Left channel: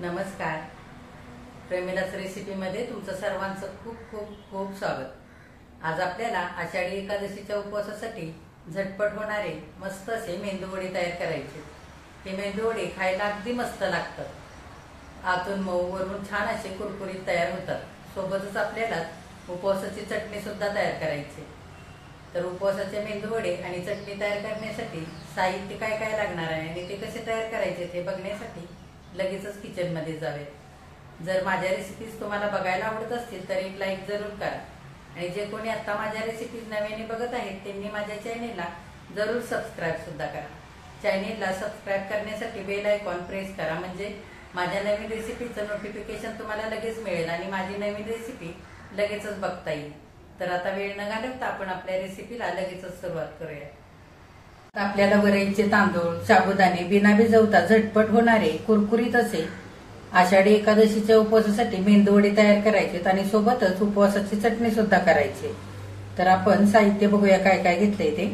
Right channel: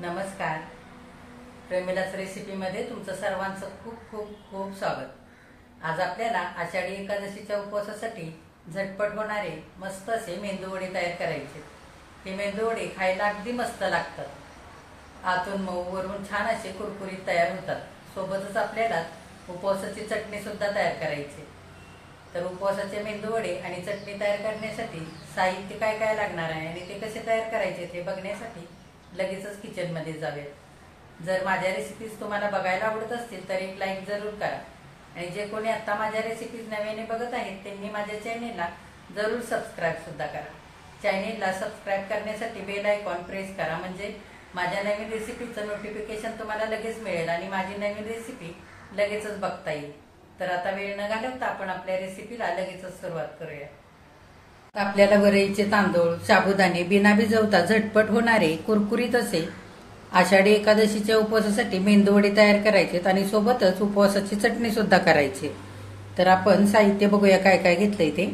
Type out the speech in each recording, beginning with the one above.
नमस्कार. प्रेमिलाच रेसिपीमध्ये तुमचं सर्वांचं खूप खूप खूप स्वागत. आज आपल्याला आषाढी एकादशीच्या उपवासासाठी झटपट होणारे मस्त असे मेंदूवडे तयार करायचे. हे मेंदूवडे खायला अगदी मस्त लागतात. आतून मऊ वरून छान असे कुरकुरीत तयार होतात. सोबतच आपल्याला उपवासाची चटणी सुद्धा तयार करायची. तर उपवासाचे मेंदूवडे आणि चटणी तयार करण्यासाठी साहित्य काय काय लागणार आहे आणि ते कसे तयार करायचे ते बघण्यासाठी लगेचच किचन मध्ये जाऊयात. जर माझ्या रेसिपीज तुम्हाला बघायला आवडत असतील तर एक लाईक जरूर करा आणि जे कोणी आता माझ्या रेसिपीज नव्याने बघत आहेत त्यांनी माझ्या चॅनेलला जरूर सबस्क्राईब सुद्धा करा. चॅनेलला सबस्क्राईब करण्यासाठी बेल आयकॉन प्रेस करा, म्हणजे माझ्या नवीन रेसिपीचं नोटिफिकेशन तुम्हाला लगेच मिळेल आणि माझी नवीन रेसिपी लगेचच बघता येईल. तर आता वेळ न घालवता आपण आपल्या रेसिपीला लगेचच सुरुवात करूया. आपल्याला वरईचे तांदूळ, साबुदाणे बिना भिजवता झटपट होणारे कुरकुरीत असे आषाढी एकादशीच्या उपवासासाठी मेंदूवडे तयार करायचे आणि सोबतच उपवासाची चटणी सुद्धा करायची. तर आपण साहित्य बघूया काय काय घेतलंय ते.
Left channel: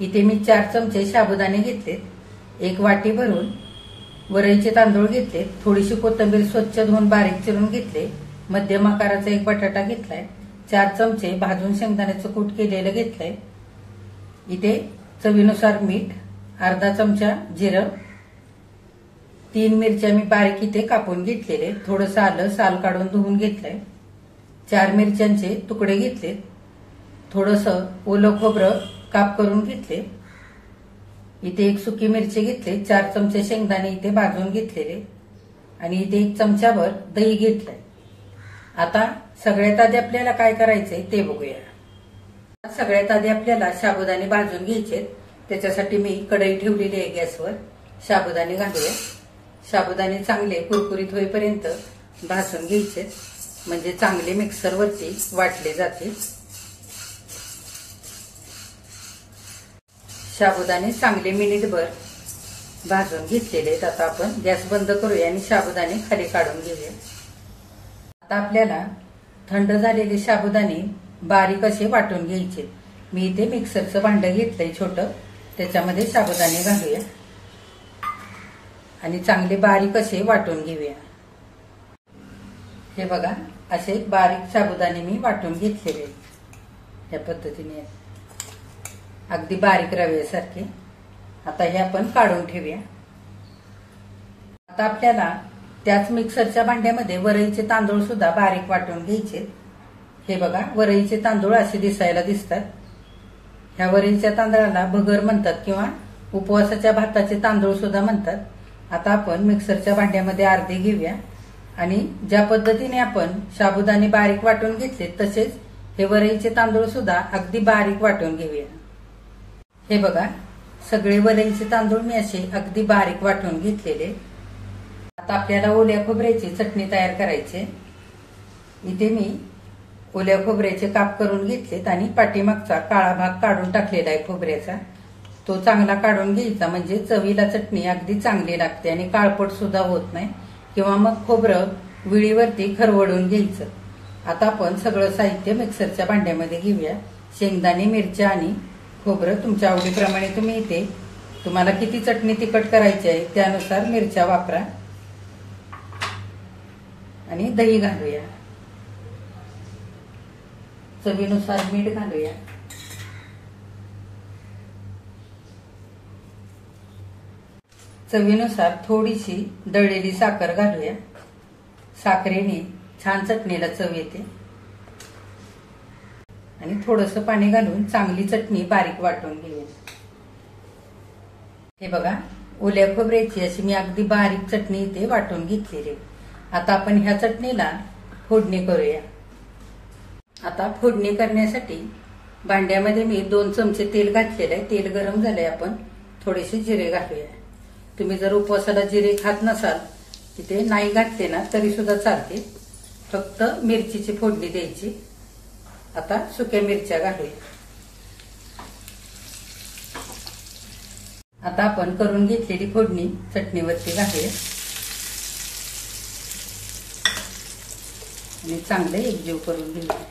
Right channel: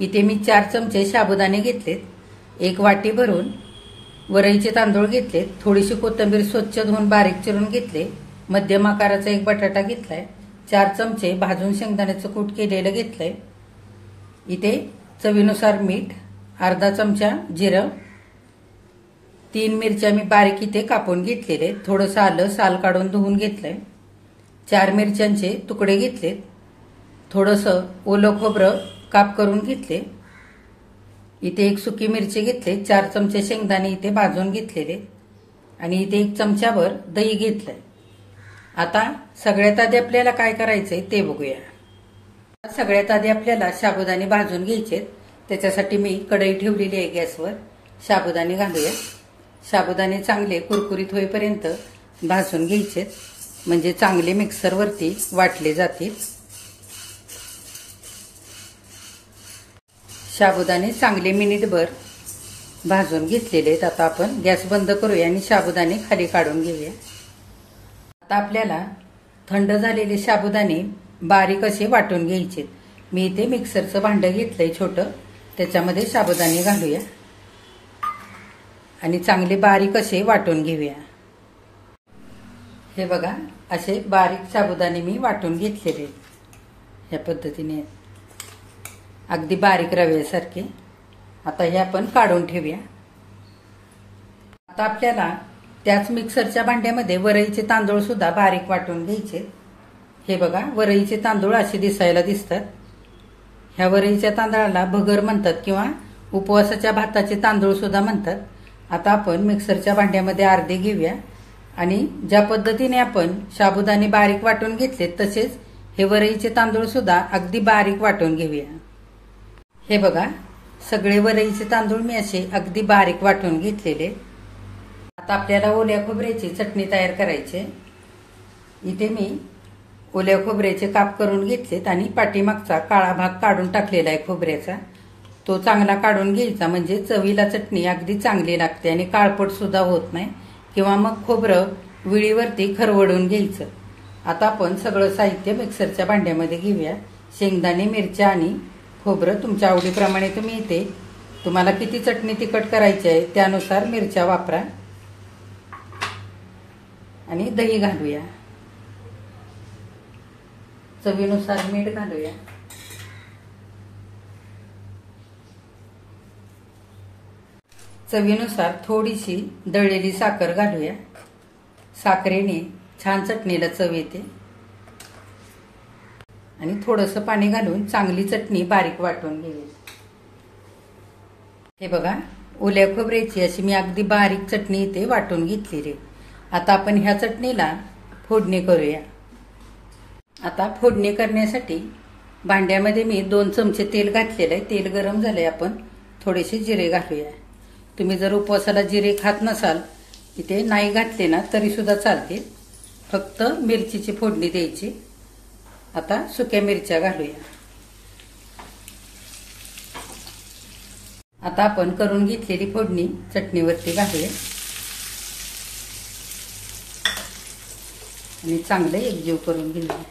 इथे मी 4 चमचे साबुदाणे घेतलेत, 1 वाटी भरून वरईचे तांदूळ घेतलेत, थोडीशी कोथिंबीर स्वच्छ धुवून बारीक चिरून घेतले, मध्यम आकाराचा 1 बटाटा घेतलाय, 4 चमचे भाजून शेंगदाण्याचं कूट केलेलं घेतलंय, इथे चवीनुसार मीठ, अर्धा चमचा जिरं, 3 मिरच्या मी बारीक इथे कापून घेतलेले, थोडंसं आलं साल काढून धुवून घेतलंय, 4 मिरच्यांचे तुकडे घेतलेत, थोडंसं ओलं खोबरं काप करून घेतले, इथे 1 सुकी मिरची घेतले, 4 चमचे शेंगदाणे इथे भाजून घेतलेले आणि इथे 1 चमचाभर दही घेतलंय. आता सगळ्यात आधी आपल्याला काय करायचंय ते बघूया. सगळ्यात आधी आपल्याला साबुदाणे भाजून घ्यायचे. त्याच्यासाठी मी कढई ठेवलेली आहे गॅसवर. साबुदाणे घालूया. साबुदाणे चांगले कुरकुरीत होईपर्यंत भाजून घ्यायचे, म्हणजे चांगले मिक्सरवरती वाटले जातील. साबुदाणे चांगले मिनिटभर भाजून घेतलेले आहेत. आता आपण गॅस बंद करूया आणि साबुदाणे खाली काढून घेऊया. आता आपल्याला थंड झालेले साबुदाणे बारीक असे वाटून घ्यायचे. मी इथे मिक्सरचं भांडं घेतलंय छोटं, त्याच्यामध्ये साबुदाणे घालूया आणि चांगले बारीक असे वाटून घेऊया. हे बघा, असे बारीक साबुदाणे मी वाटून घेतलेले या पद्धतीने, अगदी बारीक रव्यासारखे. आता हे आपण काढून ठेवूया. आता आपल्याला त्याच मिक्सरच्या भांड्यामध्ये वरईचे तांदूळ सुद्धा बारीक वाटून घ्यायचे. हे बघा, वरईचे तांदूळ असे दिसायला दिसतात. ह्या वरईच्या तांदळाला भगर म्हणतात किंवा उपवासाच्या भाताचे तांदूळ सुद्धा म्हणतात. आता आपण मिक्सरच्या भांड्यामध्ये अर्धे घेऊया आणि ज्या पद्धतीने आपण साबुदाणे बारीक वाटून घेतले तसेच हे वरईचे तांदूळ सुद्धा अगदी बारीक वाटून घेऊया. हे बघा, सगळे वरईचे तांदूळ मी असे अगदी बारीक वाटून घेतलेले. आता आपल्याला ओल्या खोबऱ्याची चटणी तयार करायची. इथे मी ओल्या खोबऱ्याचे काप करून घेतलेत आणि पाठीमागचा काळा भाग काढून टाकलेला आहे खोबऱ्याचा. तो चांगला काढून घ्यायचा, म्हणजे चवीला चटणी अगदी चांगली लागते आणि काळपट सुद्धा होत नाही किंवा मग खोबरं विळीवरती खरवडून घ्यायचं. आता आपण सगळं साहित्य मिक्सरच्या भांड्यामध्ये घेऊया. शेंगदाणे, मिरच्या आणि खोबरं तुमच्या आवडीप्रमाणे तुम्ही इथे तुम्हाला किती चटणी तिखट करायची आहे त्यानुसार मिरच्या वापरा आणि दही घालूया. चवीनुसार मीठ घालूया. चवीनुसार थोडीशी दळलेली साखर घालूया. साखरेने छान चटणीला चव येते. आणि थोडंसं पाणी घालून चांगली चटणी बारीक वाटून घेऊया. हे बघा, ओल्या खोबऱ्याची अशी मी अगदी बारीक चटणी इथे वाटून घेतलेली. आता आपण ह्या चटणीला फोडणी करूया. आता फोडणी करण्यासाठी भांड्यामध्ये मी 2 चमचे तेल घातलेलं आहे. तेल गरम झालंय. आपण थोडेसे जिरे घालूया. तुम्ही जर उपवासाला जिरे खात नसाल, इथे नाही घातले ना तरी सुद्धा चालते, फक्त मिरचीची फोडणी द्यायची. आता सुक्या मिरच्या घालूया. आता आपण करून घेतलेली फोडणी चटणीवरती घालूया आणि चांगले एकजीव करून घेऊया.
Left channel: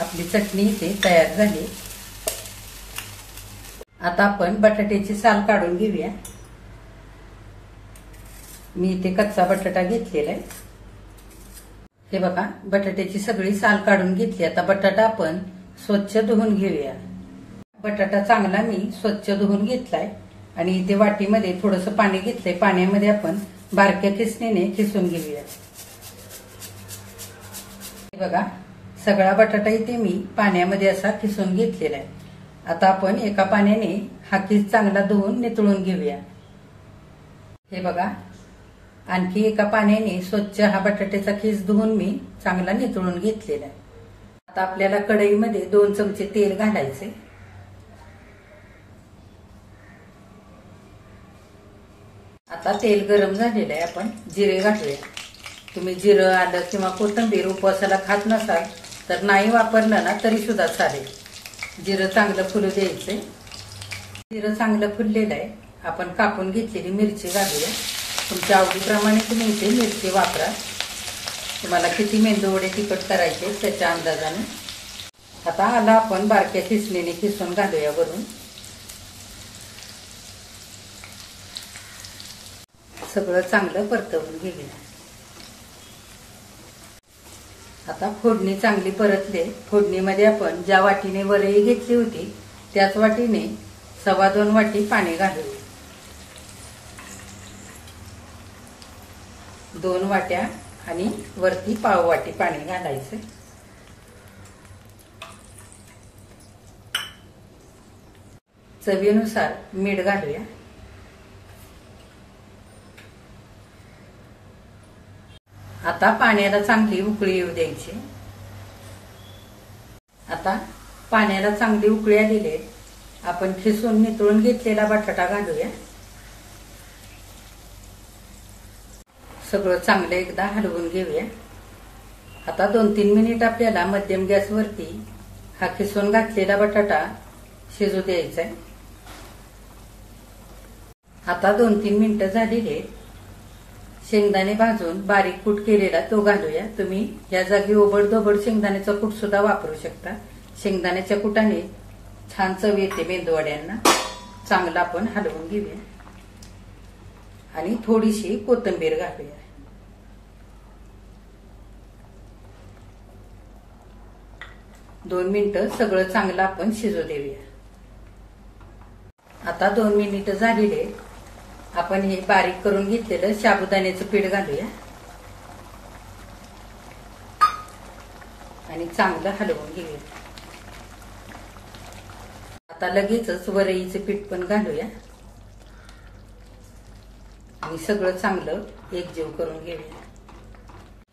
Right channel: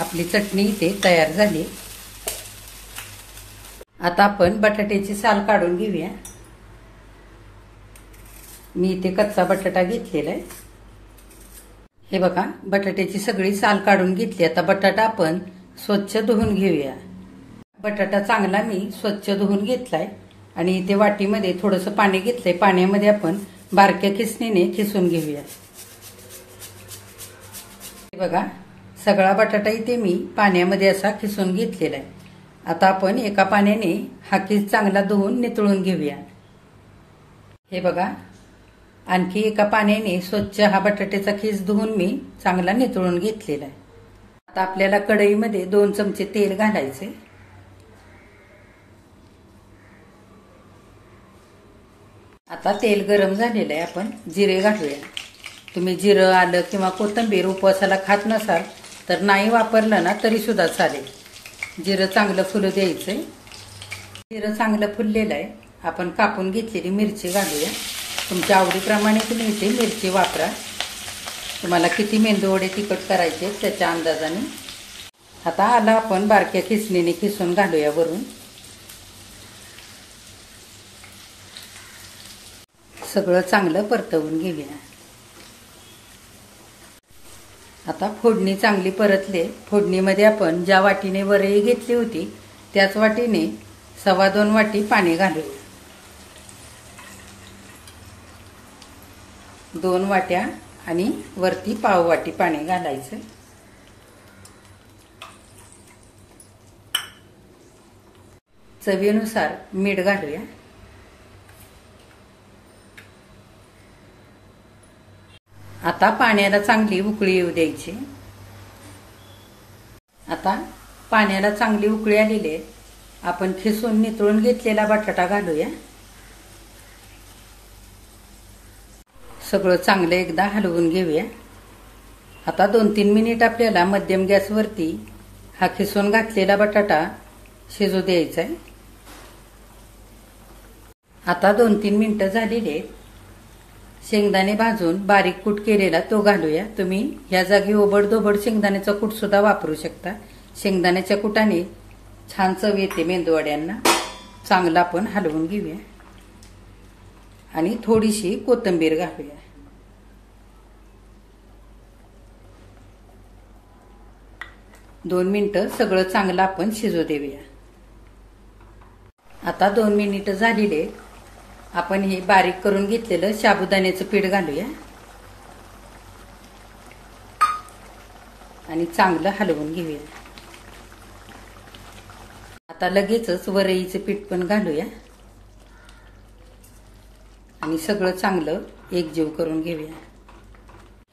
आपली चटणी इथे तयार झाली. आता आपण बटाट्याची साल काढून घेऊया. मी इथे कच्चा बटाटा घेतलेला आहे. हे बघा, बटाट्याची सगळी साल काढून घेतली. आता बटाटा आपण स्वच्छ धुवून घेऊया. बटाटा चांगला मी स्वच्छ धुवून घेतलाय आणि इथे वाटीमध्ये थोडंसं पाणी घेतलंय. पाण्यामध्ये आपण बारक्या खिसणीने खिसून घेऊया. हे बघा, सगळा बटाटा इथे मी पाण्यामध्ये असा खिसून घेतलेला आहे. आता आपण एका पाण्याने हा खिस चांगला धुवून नितळून घेऊया. हे बघा, आणखी एका पाण्याने स्वच्छ हा बटाट्याचा खिस धुवून मी चांगला नितळून घेतलेला आहे. आता आपल्याला कढईमध्ये 2 चमचे तेल घालायचे. आता तेल गरम झालेलं आहे. आपण जिरे घालूया. तुम्ही जिरं, आलं किंवा कोथिंबीर उपवासाला खात नसाल तर नाही वापरलं ना तरी सुद्धा चालेल. जिरं चांगलं फुलू द्यायचंय. जिरं चांगलं फुललेलं आहे. आपण कापून घेतलेली मिरची घालूया. तुमच्या आवडीप्रमाणे तुम्ही इथे मिरची वापरा. तुम्हाला किती मेंदूवडे तिखट करायचे त्याच्या अंदाजाने. आता आलं आपण बारक्या खिसणीने खिसून घालूया वरून. सगळं चांगलं परतवून घेऊया. आता फोडणी चांगली परतली. फोडणीमध्ये आपण ज्या वाटीने वरई घेतली होती त्याच वाटीने 2.25 वाटी पाणी घालूया. 2 वाट्या आणि वरती पाव वाटी पाणी घालायचं. चवीनुसार मीठ घालूया. आता पाण्याला चांगली उकळी येऊ द्यायची. आता पाण्याला चांगली उकळी आलेली आहे. आपण खिसून नितळून घेतलेला बटाटा घालूया. सगळं चांगलं एकदा हलवून घेऊया. आता 2-3 मिनिट आपल्याला मध्यम गॅसवरती हा खिसून घातलेला बटाटा शिजू द्यायचा आहे. आता 2-3 मिनिटं झालेली आहेत. शेंगदाणे भाजून बारीक कूट केलेला तो घालूया. तुम्ही या जागी ओबडधोबड शेंगदाण्याचा कूट सुद्धा वापरू शकता. शेंगदाण्याच्या कुटाने छान चव येते मेंदूवड्यांना. चांगलं आपण हलवून घेऊया आणि थोडीशी कोथिंबीर घालूया. दोन मिनिटं सगळं चांगलं आपण शिजू देऊया. आता 2 मिनिटं झालेले. आपण हे बारीक करून घेतलेलं साबुदाण्याचं पीठ घालूया आणि चांगलं हलवून घेऊया. आता लगेचच वरईचं पीठ पण घालूया आणि सगळं चांगलं एकजीव करून घेऊया.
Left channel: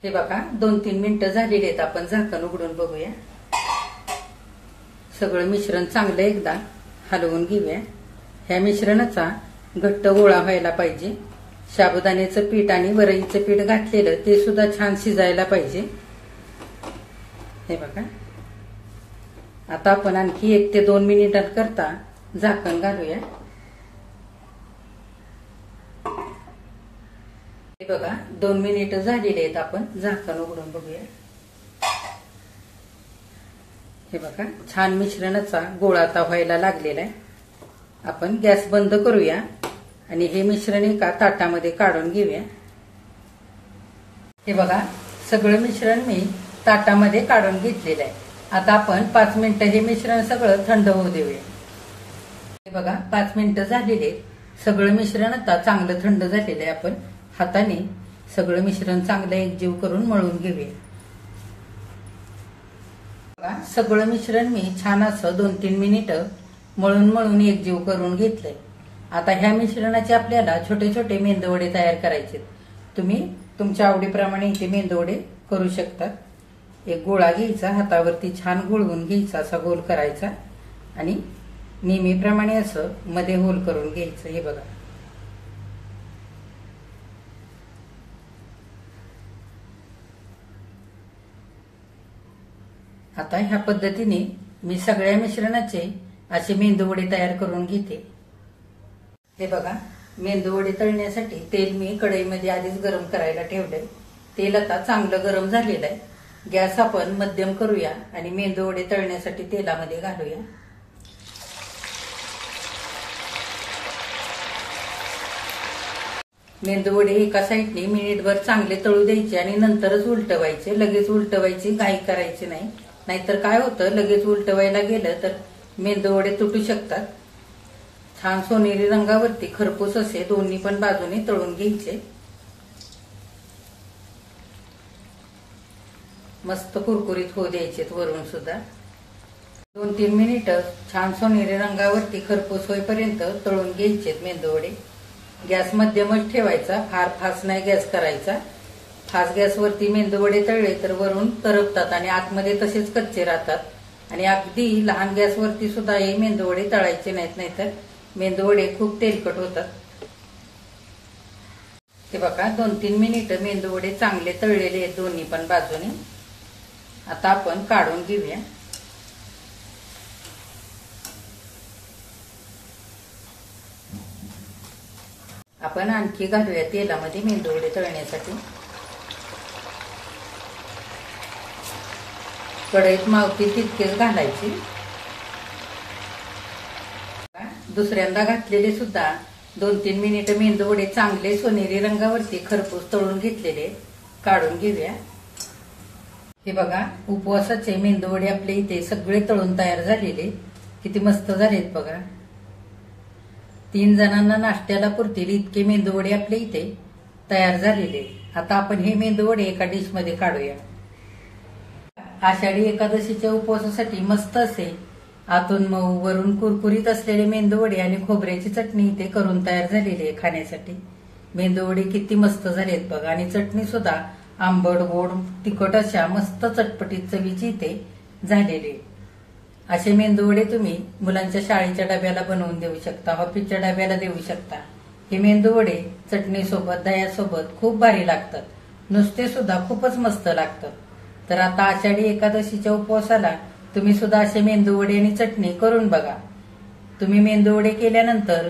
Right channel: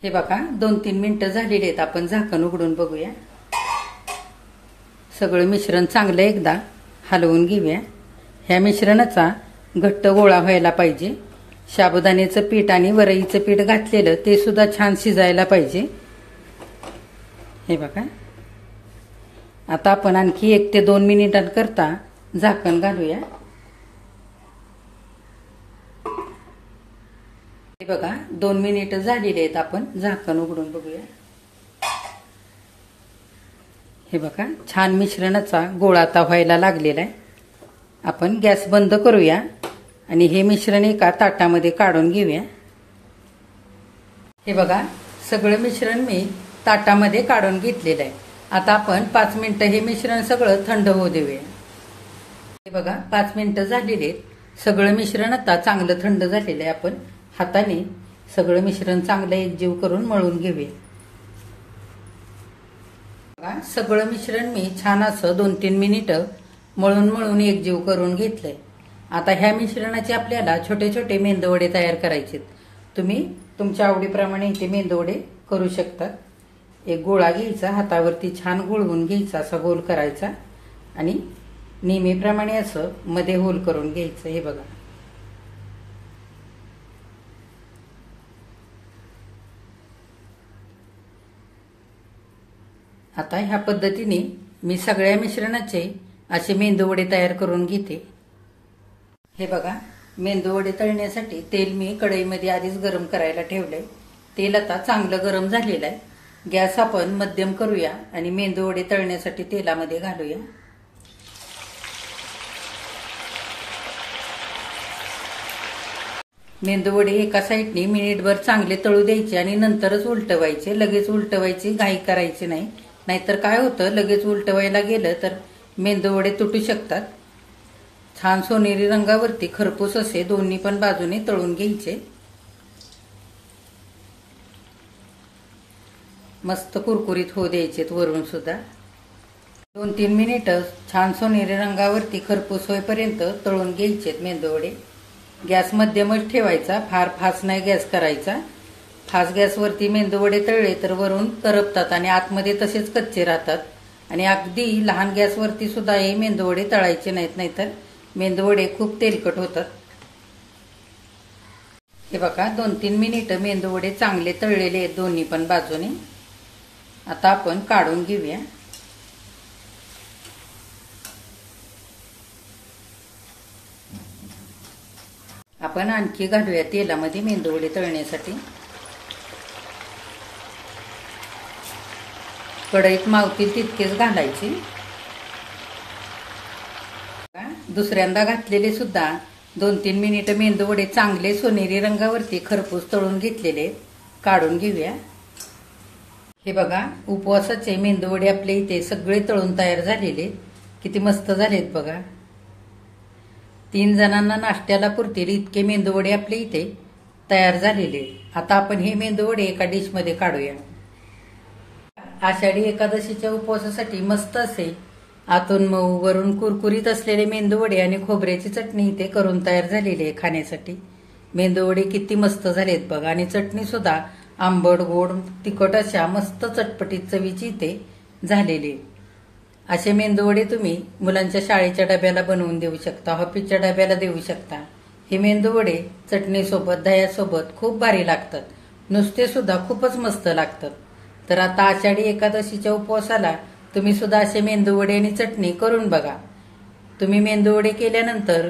हे बघा, 2-3 मिनिटं झालेली आहेत. आपण झाकण उघडून बघूया. सगळं मिश्रण चांगलं एकदा हलवून घेऊया. ह्या मिश्रणाचा घट्ट गोळा व्हायला पाहिजे. साबुदाण्याचं पीठ आणि वरईचं पीठ घातलेलं ते सुद्धा छान शिजायला पाहिजे. हे बघा, आता आपण आणखी 1 ते 2 मिनिटांकरता झाकण घालूया. हे बघा, 2 मिनिटं झालेली आहेत. आपण झाकण उघडून बघूया. हे बघा, छान मिश्रणाचा गोळा आता व्हायला लागलेला आहे. आपण गॅस बंद करूया आणि हे मिश्रण एका ताटामध्ये काढून घेऊया. हे बघा, सगळं मिश्रण मी ताटामध्ये काढून घेतलेलं आहे. आता आपण 5 मिनिटं हे मिश्रण सगळं थंड होऊ देऊया. हे बघा, 5 मिनिटं झालेले. सगळं मिश्रण आता चांगलं थंड झालेलं आहे. आपण हाताने सगळं मिश्रण चांगलं एकजीव करून मळून घेऊया. बघा, सगळं मिश्रण मी छान असं 2-3 मिनिटं मळून एकजीव करून घेतलंय. आता ह्या मिश्रणाचे आपल्याला छोटे छोटे मेंदूवडे तयार करायचे. तुम्ही तुमच्या आवडीप्रमाणे इथे मेंदूवडे करू शकता. एक गोळा घ्यायचा, हातावरती छान गुळवून घ्यायचा, असा गोल करायचा आणि नेहमीप्रमाणे असं मध्ये होल करून घ्यायचं. हे बघा, आता ह्या पद्धतीने मी सगळ्या मिश्रणाचे असे मेंदूवडे तयार करून घेते. हे बघा, मेंदूवडे तळण्यासाठी तेल मी कढईमध्ये आधीच गरम करायला ठेवलंय. तेल आता चांगलं गरम झालेलं आहे. गॅस आपण मध्यम करूया आणि मेंदू वडे तळण्यासाठी तेलामध्ये घालूया. मेंदू वडे एका साईडने मिनिटभर चांगले तळू द्यायचे आणि नंतरच उलटवायचे. लगेच उलटवायची घाई करायची नाही, नाहीतर काय होतं, लगेच उलटवायला गेलं तर मेंदू वडे तुटू शकतात. छान सोनेरी रंगावरती खरपूस असे दोन्ही पण बाजूने तळून घ्यायचे. मस्त कुरकुरीत होऊ द्यायचे वरून सुद्धा. 2-3 मिनिटं छान सोनेरी रंगावरती खरपूस होईपर्यंत तळून घ्यायचे मेंदू वडे. गॅस मध्यमच ठेवायचा, फार फास्ट नाही गॅस करायचा. फास्ट गॅसवरती मेंदू वडे तळले तर वरून तरपतात आणि आतमध्ये तसेच कच्चे राहतात आणि अगदी लहान गॅसवरती सुद्धा हे मेंदू वडे तळायचे नाहीत, नाहीतर मेंदू वडे खूप तेलकट होतात. हे बघा 2-3 मिनिटं मेंदू वडे चांगले तळलेले आहेत दोन्ही पण बाजूने. आता आपण काढून घेऊया. आपण आणखी घालूया तेलामध्ये मेंदू वडे तळण्यासाठी. कढईत मावतील तितकेच घालायची. दुसऱ्यांदा घातलेले सुद्धा 2-3 मिनिटं मेंदू वडे चांगले सोनेरी रंगावरती खरपूस तळून घेतलेले काढून घेऊया. हे बघा उपवासाचे मेंदू वडे आपले इथे सगळे तळून तयार झालेले. किती मस्त झालेत बघा. 3 जणांना नाश्त्याला पुरतील इतके मेंदू वडे आपले इथे तयार झालेले. आता आपण हे मेंदू वडे एका डिश मध्ये काढूया. आषाढी एकादशीच्या उपवासासाठी मस्त असे आतून मऊ वरून कुरकुरीत असलेले मेंदू वडे आणि खोबऱ्याची चटणी इथे करून तयार झालेली आहे खाण्यासाठी. मेंदू वडे किती मस्त झालेत बघा आणि चटणी सुद्धा आंबट गोड तिखट अशा मस्त चटपटीत चवीची इथे झालेली. असे मेंदू वडे तुम्ही मुलांच्या शाळेच्या डब्याला बनवून देऊ शकता, ऑफिसच्या डब्याला देऊ शकता. हे मेंदू वडे चटणीसोबत दह्यासोबत खूप भारी लागतात. नुसते सुद्धा खूपच मस्त लागतात. तर आता आषाढी एकादशीच्या उपवासाला तुम्ही सुद्धा असे मेंदू वडे आणि चटणी करून बघा. तुम्ही मेंदू वडे केल्यानंतर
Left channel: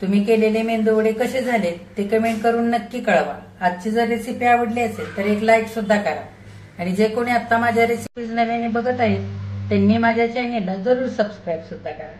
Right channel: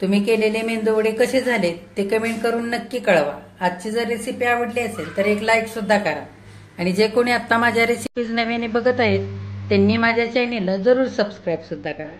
तुम्ही केलेले मेंदू वडे कसे झालेत ते कमेंट करून नक्की कळवा. आजची जर रेसिपी आवडली असेल तर एक लाईक सुद्धा करा आणि जे कोणी आता माझ्या रेसिपीज नव्याने बघत आहेत त्यांनी माझ्या चॅनेलला जरूर सबस्क्राईब सुद्धा करा.